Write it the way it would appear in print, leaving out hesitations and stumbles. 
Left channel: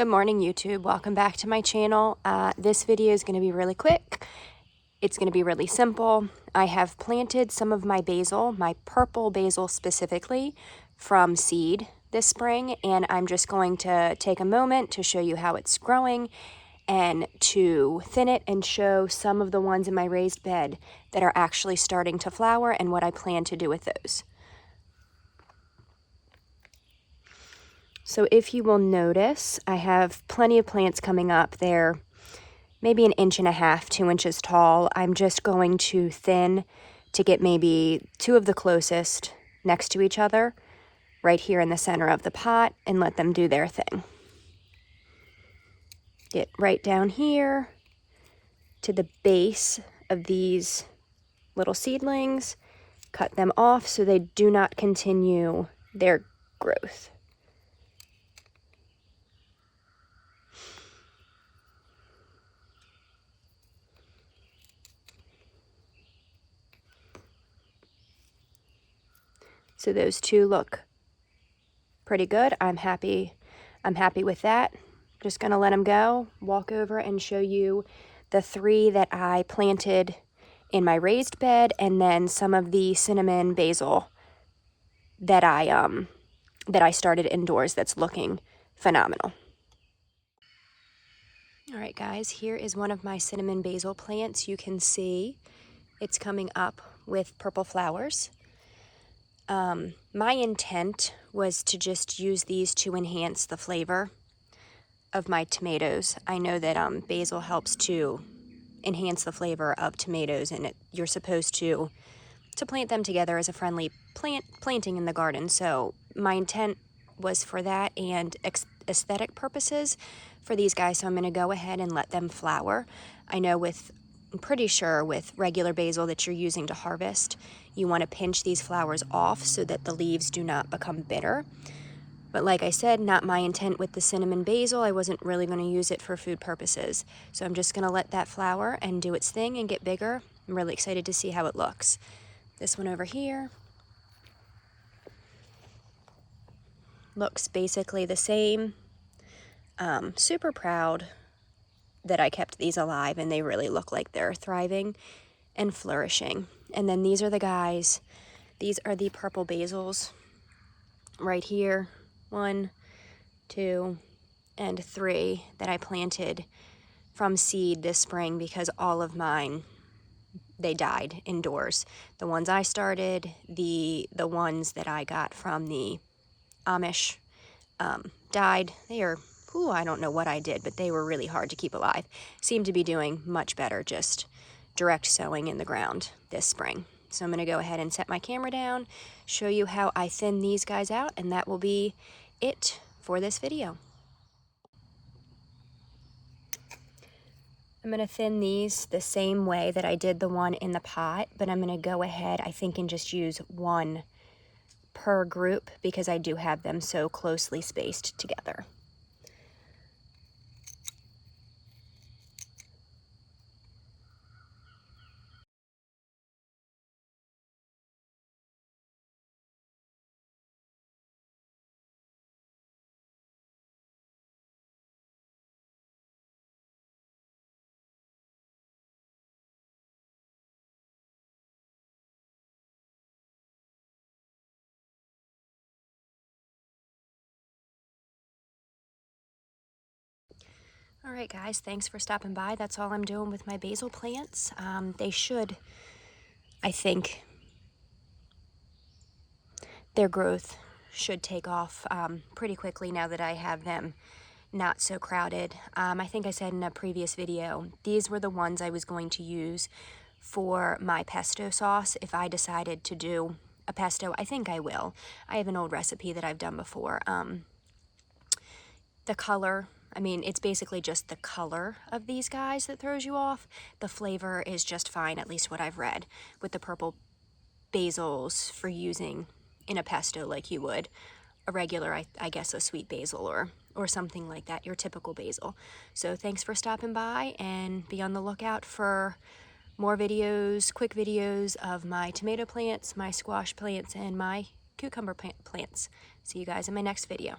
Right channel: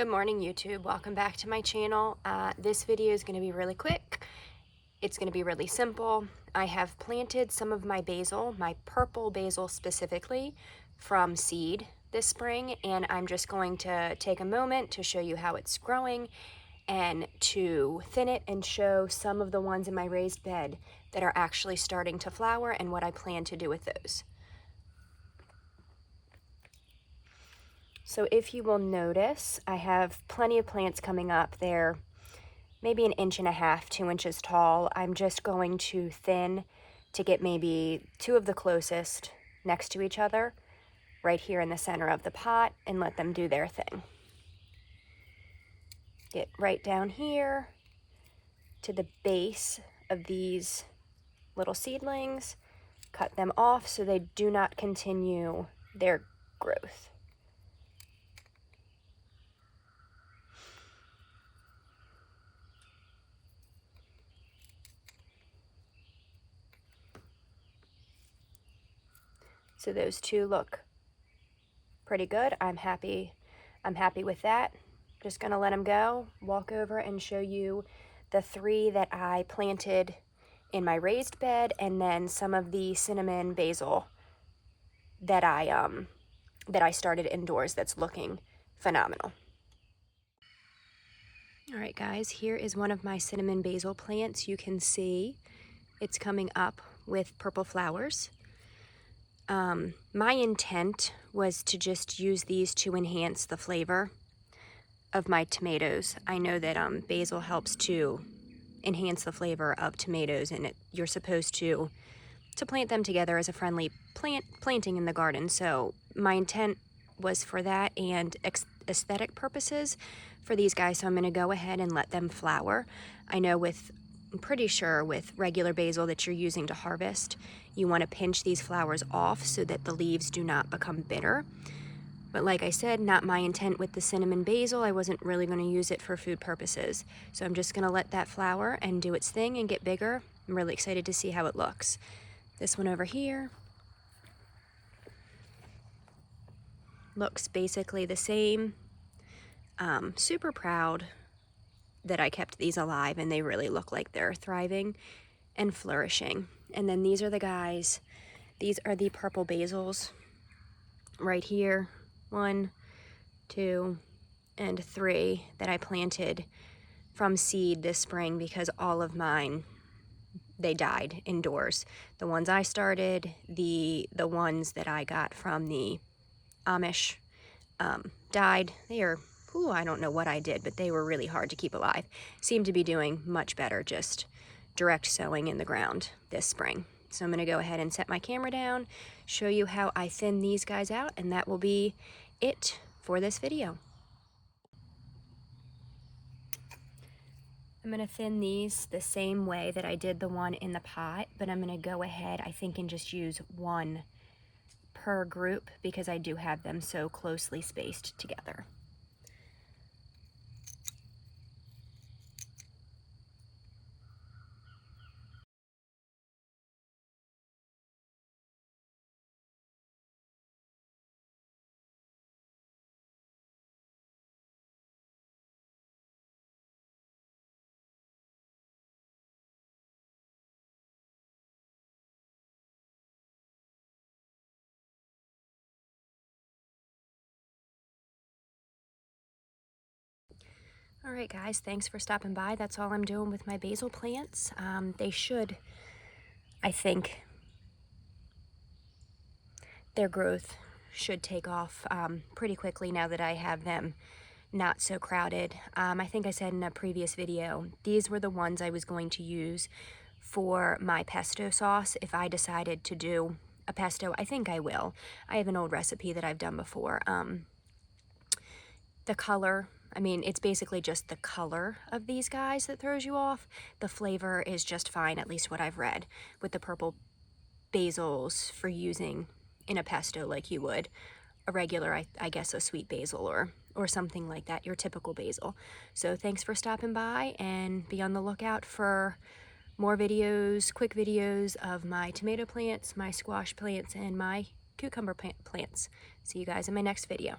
Good morning, YouTube. Welcome back to my channel. This video is going to be really quick. It's going to be really simple. I have planted some of my basil, my purple basil specifically, from seed this spring, and I'm just going to take a moment to show you how it's growing and to thin it and show some of the ones in my raised bed that are actually starting to flower and what I plan to do with those. So if you will notice, I have plenty of plants coming up. They're maybe 1.5 inches, 2 inches tall. I'm just going to thin to get maybe two of the closest next to each other right here in the center of the pot and let them do their thing. Get right down here to the base of these little seedlings, cut them off so they do not continue their growth. So those two look pretty good. I'm happy with that. Just gonna let them go, walk over and show you the three that I planted in my raised bed, and then some of the cinnamon basil that I started indoors that's looking phenomenal. All right, guys, here is one of my cinnamon basil plants. You can see it's coming up with purple flowers. My intent was to just use these to enhance the flavor of my tomatoes. I know that basil helps to enhance the flavor of tomatoes, and you're supposed to plant them together as a friendly planting in the garden. So my intent was for that and aesthetic purposes for these guys. So I'm going to go ahead and let them flower. I know I'm pretty sure with regular basil that you're using to harvest, you want to pinch these flowers off so that the leaves do not become bitter. But like I said, not my intent with the cinnamon basil. I wasn't really going to use it for food purposes. So I'm just going to let that flower and do its thing and get bigger. I'm really excited to see how it looks. This one over here looks basically the same. Super proud that I kept these alive, and they really look like they're thriving and flourishing. And then these are the guys. These are the purple basils right here. 1, 2, and 3 that I planted from seed this spring because all of mine, they died indoors. The ones I started, the ones that I got from the Amish died. They are, I don't know what I did, but they were really hard to keep alive. Seem to be doing much better just direct sowing in the ground this spring. So I'm going to go ahead and set my camera down, show you how I thin these guys out, and that will be it for this video. I'm going to thin these the same way that I did the one in the pot, but I'm going to go ahead, I think, and just use one per group because I do have them so closely spaced together. All right, guys, thanks for stopping by. That's all I'm doing with my basil plants. They should, I think, their growth should take off pretty quickly now that I have them not so crowded. I think I said in a previous video, these were the ones I was going to use for my pesto sauce if I decided to do a pesto. I think I will. I have an old recipe that I've done before. The color, I mean, it's basically just the color of these guys that throws you off. The flavor is just fine, at least what I've read, with the purple basils for using in a pesto like you would a regular, I guess, a sweet basil or something like that, your typical basil. So thanks for stopping by, and be on the lookout for more videos, quick videos of my tomato plants, my squash plants, and my cucumber plants. See you guys in my next video.